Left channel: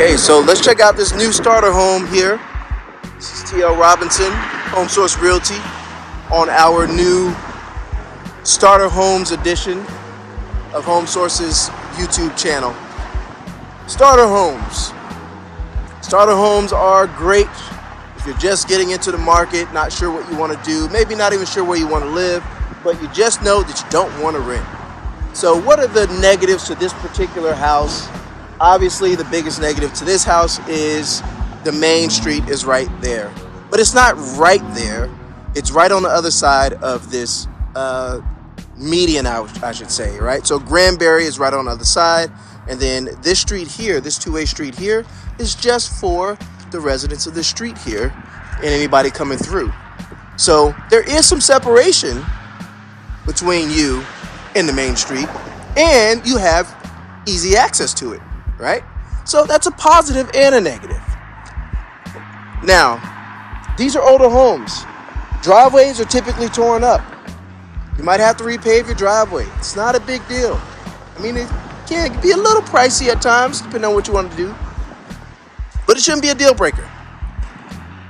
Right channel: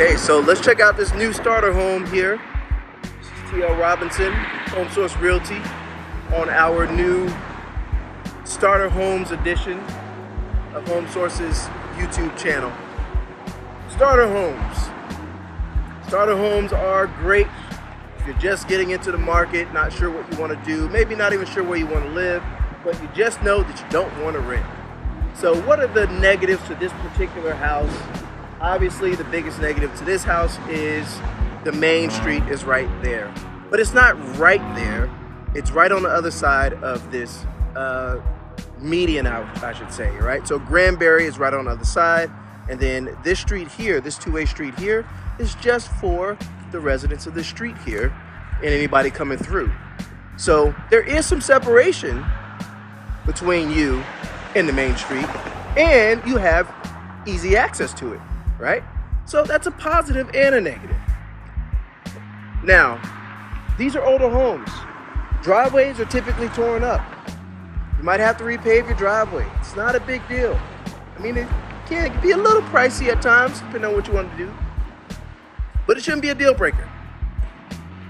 Okay, so let's check out this new starter home here. This is TL Robinson, HomeSource Realty, on our new Starter Homes edition of HomeSource's YouTube channel. Starter homes. Starter homes are great if you're just getting into the market, not sure what you want to do, maybe not even sure where you want to live, but you just know that you don't want to rent. So what are the negatives to this particular house? Obviously, the biggest negative to this house is the main street is right there. But it's not right there. It's right on the other side of this median, I should say, right? So Granbury is right on the other side. And then this street here, this two-way street here, is just for the residents of this street here and anybody coming through. So there is some separation between you and the main street, and you have easy access to it, right? So that's a positive and a negative. Now, these are older homes. Driveways are typically torn up. You might have to repave your driveway. It's not a big deal. I mean, it can be a little pricey at times, depending on what you want to do, but it shouldn't be a deal breaker.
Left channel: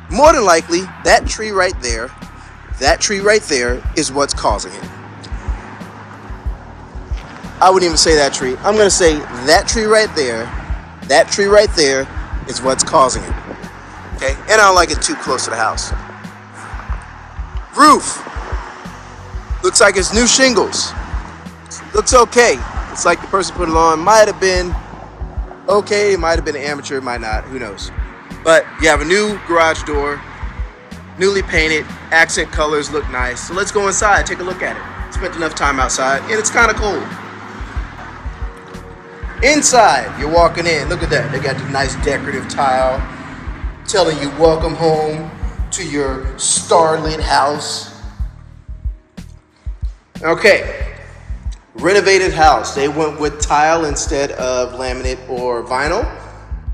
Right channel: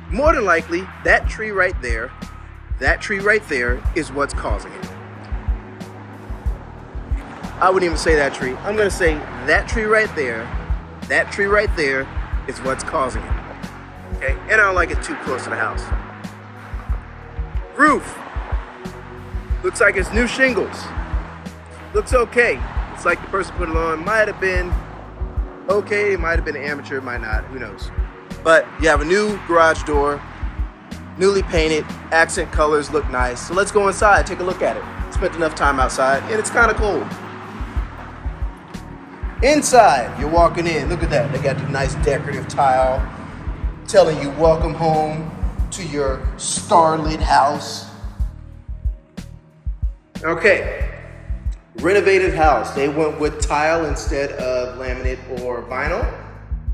More than likely, that tree right there is what's causing it. I wouldn't even say that tree. I'm going to say that tree right there is what's causing it. Okay, and I don't like it too close to the house. Roof. Looks like it's new shingles. Looks okay. It's like the person put it on might have been okay, might have been an amateur, might not, who knows. But you have a new garage door, newly painted, accent colors look nice. So let's go inside, take a look at it. Spent enough time outside, and it's kind of cold. Inside, you're walking in. Look at that. They got the nice decorative tile telling you welcome home to your starlit house. Okay, renovated house. They went with tile instead of laminate or vinyl,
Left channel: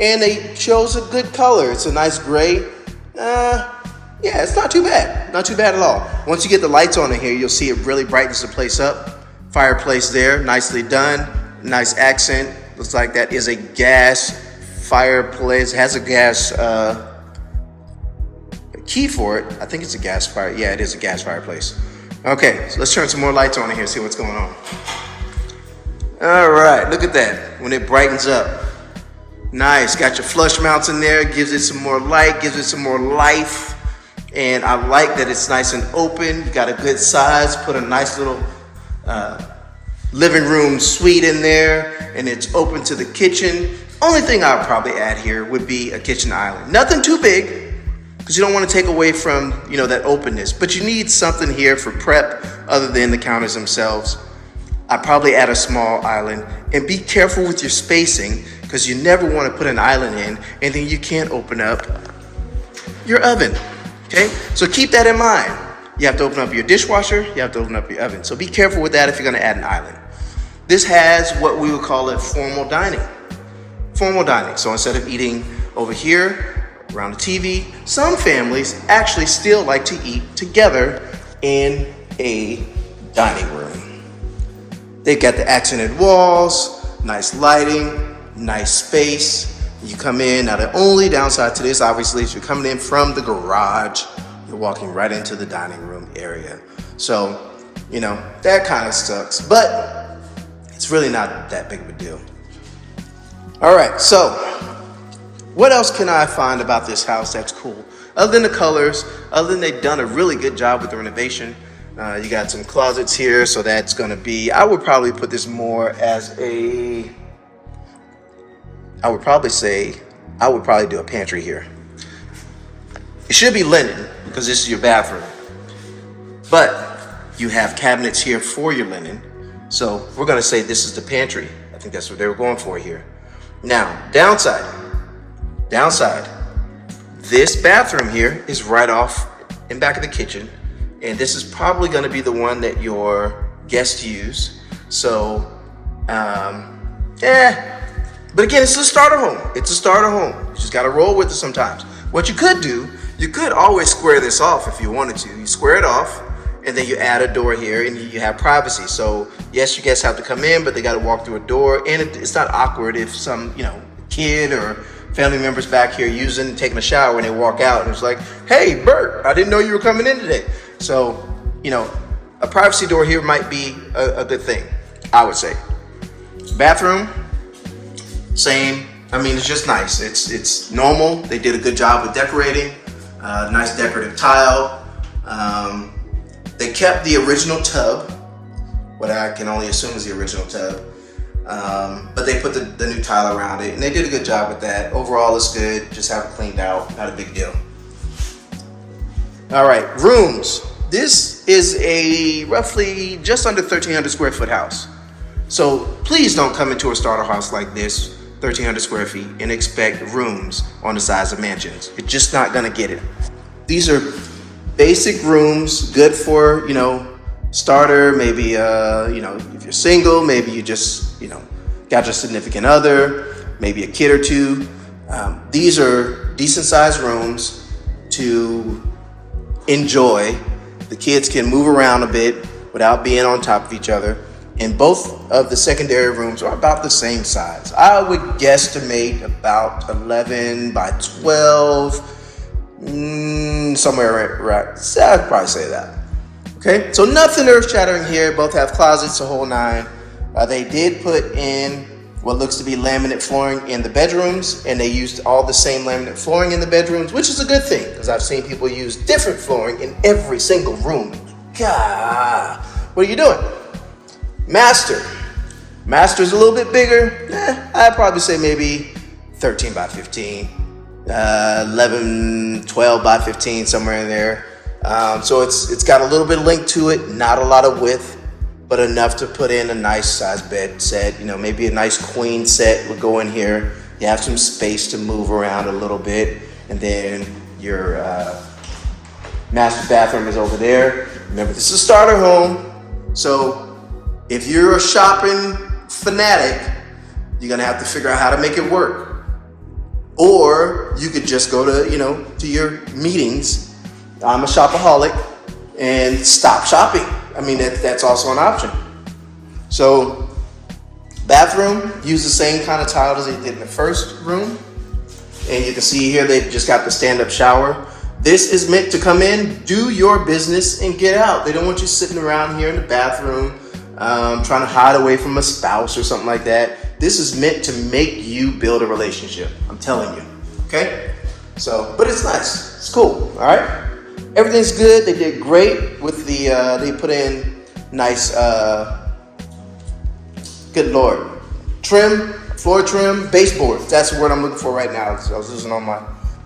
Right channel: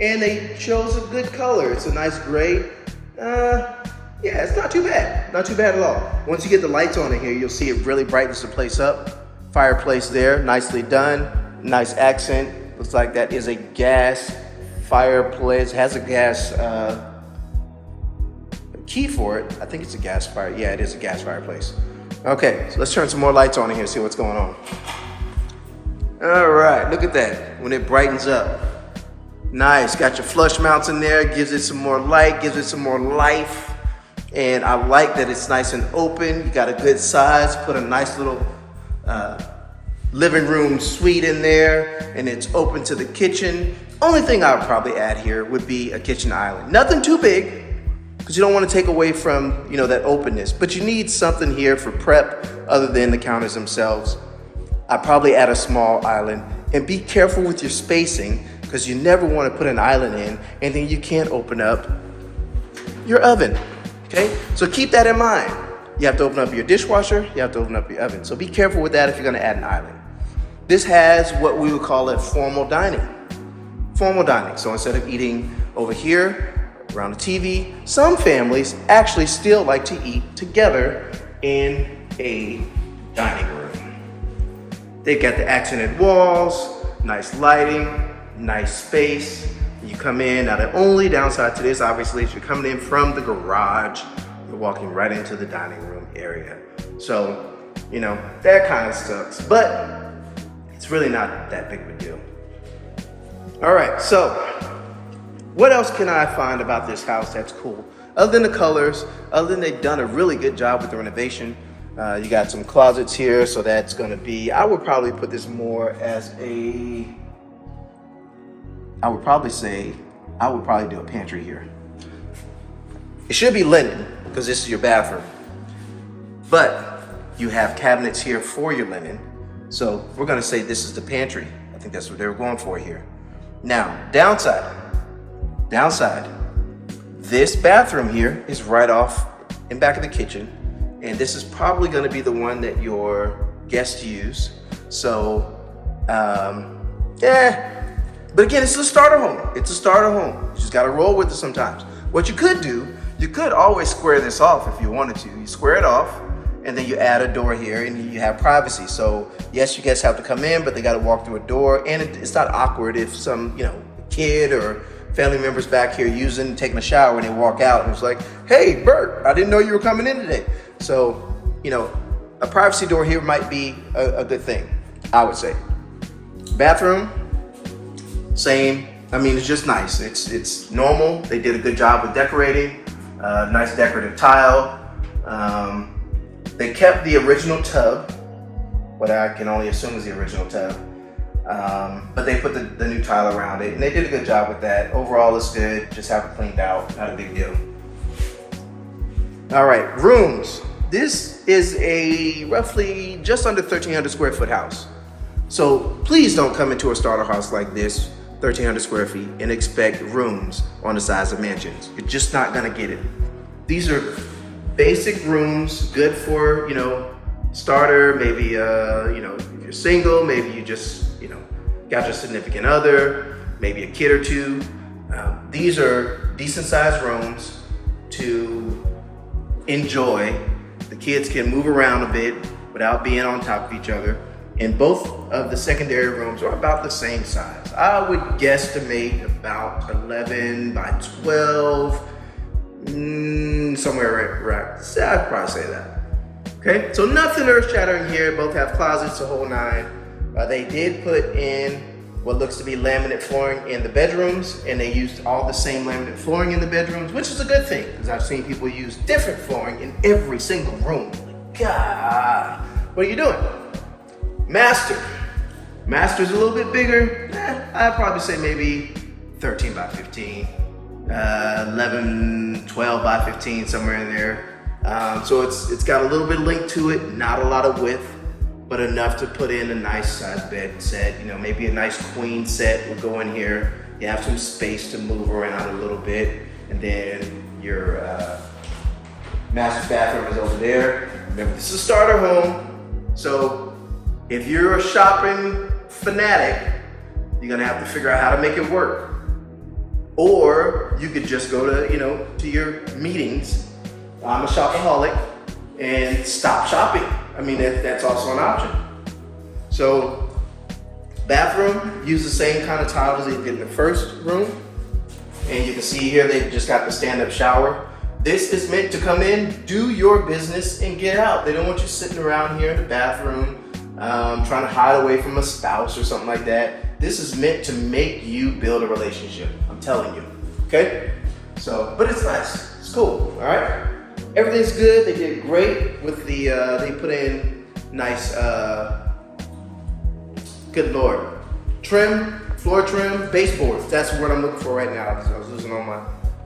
and they chose a good color. It's a nice gray. Yeah, it's not too bad. Not too bad at all. Once you get the lights on in here, you'll see it really brightens the place up. Fireplace there, nicely done. Nice accent. Looks like that is a gas fireplace. Has a gas key for it. I think it's a gas fire. Yeah, it is a gas fireplace. Okay, so let's turn some more lights on in here, see what's going on. All right, look at that. When it brightens up. Nice. Got your flush mounts in there. Gives it some more light. Gives it some more life. And I like that it's nice and open. You got a good size. Put a nice little living room suite in there, and it's open to the kitchen. Only thing I would probably add here would be a kitchen island. Nothing too big, because you don't want to take away from, that openness, but you need something here for prep other than the counters themselves. I'd probably add a small island, and be careful with your spacing, because you never want to put an island in and then you can't open up your oven. Okay, so keep that in mind. You have to open up your dishwasher, you have to open up your oven. So be careful with that if you're going to add an island. This has what we would call it formal dining. Formal dining. So instead of eating over here around the TV, some families actually still like to eat together in a dining room. They got the accented walls, nice lighting, nice space. You come in. Now the only downside to this, obviously, is you're coming in from the garage. You're walking right into the dining room area. So, that kind of sucks, but it's really not that big of a deal. All right, so what else can I find about this house that's cool? Other than the colors, other than they've done a really good job with the renovation. You got some closets here, so that's gonna be, I would probably put this more as I would probably do a pantry here. It should be linen, because this is your bathroom. But you have cabinets here for your linen. So we're gonna say this is the pantry. I think that's what they were going for here. Now, downside. This bathroom here is right off in back of the kitchen. And this is probably gonna be the one that your guests use. So, But again, it's a starter home. It's a starter home. You just gotta roll with it sometimes. What you could do, you could always square this off if you wanted to. You square it off, and then you add a door here, and you have privacy. So yes, you guys have to come in, but they got to walk through a door, and it's not awkward if kid or family members back here taking a shower, when they walk out and it's like, hey, Bert, I didn't know you were coming in today. So, a privacy door here might be a good thing, I would say. Bathroom, same. I mean, it's just nice. It's normal. They did a good job with decorating. Nice decorative tile. They kept the original tub, what I can only assume is the original tub. But they put the new tile around it, and they did a good job with that. Overall, it's good. Just have it cleaned out. Not a big deal. All right, rooms. This is a roughly just under 1,300 square foot house. So please don't come into a starter house like this, 1,300 square feet, and expect rooms on the size of mansions. You're just not gonna get it. These are basic rooms, good for, starter, maybe, if you're single, maybe you just, got your significant other, maybe a kid or two. These are decent sized rooms to enjoy. The kids can move around a bit without being on top of each other. And both of the secondary rooms are about the same size. I would guesstimate about 11 by 12, somewhere around, I'd probably say that. Okay, so nothing earth-shattering here. Both have closets, the whole nine. They did put in what looks to be laminate flooring in the bedrooms, and they used all the same laminate flooring in the bedrooms, which is a good thing, because I've seen people use different flooring in every single room. God, what are you doing? Master's a little bit bigger. I'd probably say maybe 13 by 15, 11, 12 by 15, somewhere in there. So it's got a little bit of length to it, not a lot of width, but enough to put in a nice size bed set. Maybe a nice queen set would go in here. You have some space to move around a little bit, and then your master bathroom is over there. Remember, this is a starter home, so if you're a shopping fanatic, you're gonna have to figure out how to make it work. Or you could just go to, to your meetings. I'm a shopaholic, and stop shopping. I mean, that's also an option. So, bathroom, use the same kind of tile as they did in the first room. And you can see here, they've just got the stand-up shower. This is meant to come in, do your business, and get out. They don't want you sitting around here in the bathroom, trying to hide away from a spouse or something like that. This is meant to make you build a relationship. I'm telling you, okay? So, but it's nice, it's cool, all right? Everything's good. They did great with the, they put in nice, good Lord, trim, floor trim, baseboards. That's the word I'm looking for right now. I was losing on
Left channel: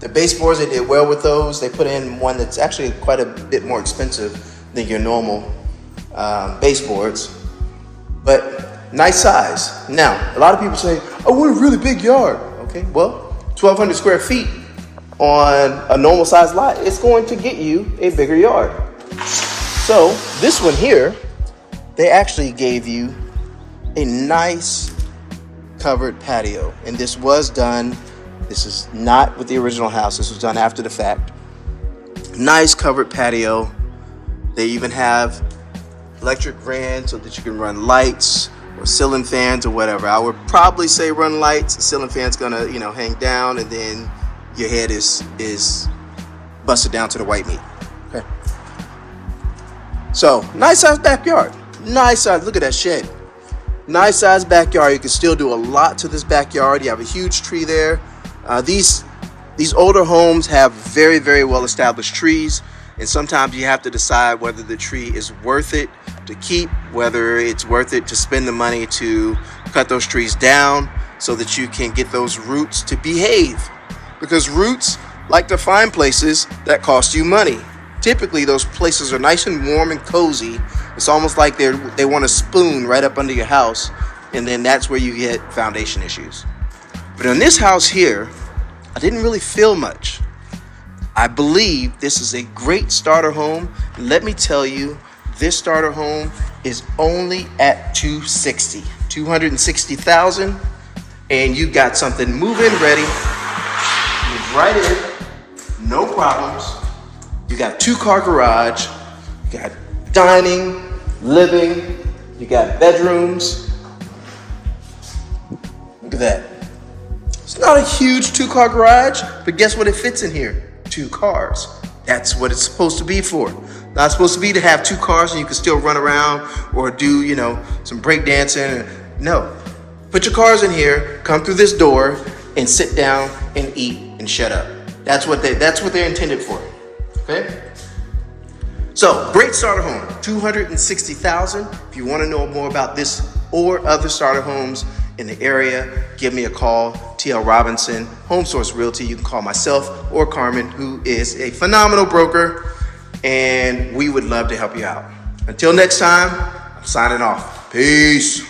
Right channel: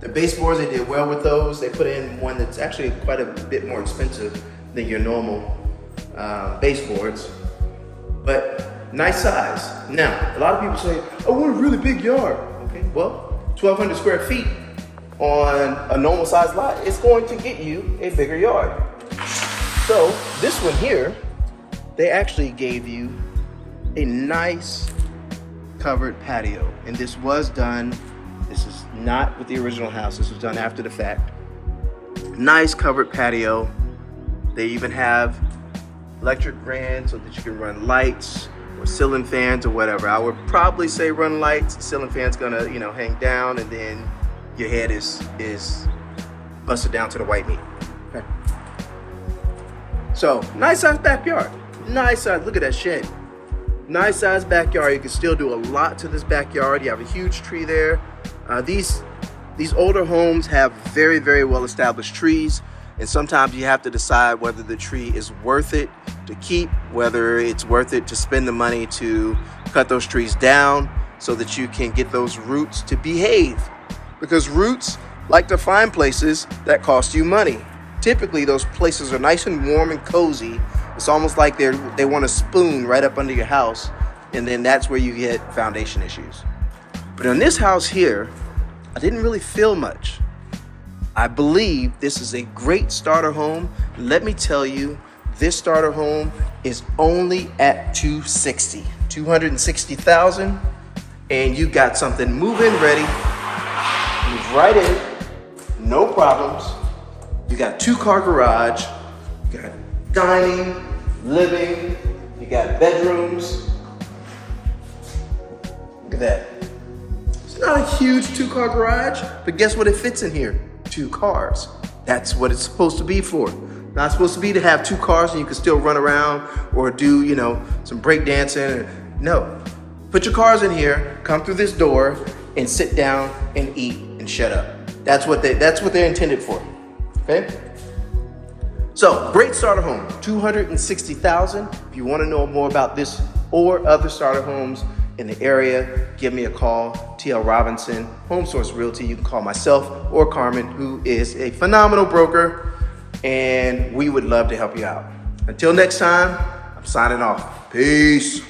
the baseboards. They did well with those. They put in one that's actually quite a bit more expensive than your normal baseboards, but nice size. Now, a lot of people say, I want a really big yard. Okay, well, 1,200 square feet on a normal size lot, it's going to get you a bigger yard. So this one here, they actually gave you a nice covered patio. And this was done, this is not with the original house, this was done after the fact. Nice covered patio. They even have electric ran so that you can run lights or ceiling fans or whatever. I would probably say run lights. The ceiling fan's gonna, hang down, and then your head is busted down to the white meat. Okay. So, nice size backyard. Nice size, look at that shed. Nice size backyard. You can still do a lot to this backyard. You have a huge tree there. These older homes have very, very well established trees, and sometimes you have to decide whether the tree is worth it to keep, whether it's worth it to spend the money to cut those trees down so that you can get those roots to behave. Because roots like to find places that cost you money. Typically, those places are nice and warm and cozy. It's almost like they want a spoon right up under your house, and then that's where you get foundation issues. But in this house here, I didn't really feel much. I believe this is a great starter home. Let me tell you, this starter home is only at $260,000, and you got something move-in ready. Move right in, no problems. You got 2-car garage, you got dining, living, you got bedrooms. Look at that. It's not a huge 2-car garage, but guess what it fits in here? 2 cars. That's what it's supposed to be for. Not supposed to be to have 2 cars and you can still run around or do, some break dancing. No. Put your cars in here, come through this door, and sit down and eat and shut up. That's what they're intended for. Okay? So, great starter home, $260,000. If you want to know more about this or other starter homes in the area, give me a call. TL Robinson, HomeSource Realty. You can call myself or Carmen, who is a phenomenal broker, and we would love to help you out. Until next time, I'm signing off. Peace.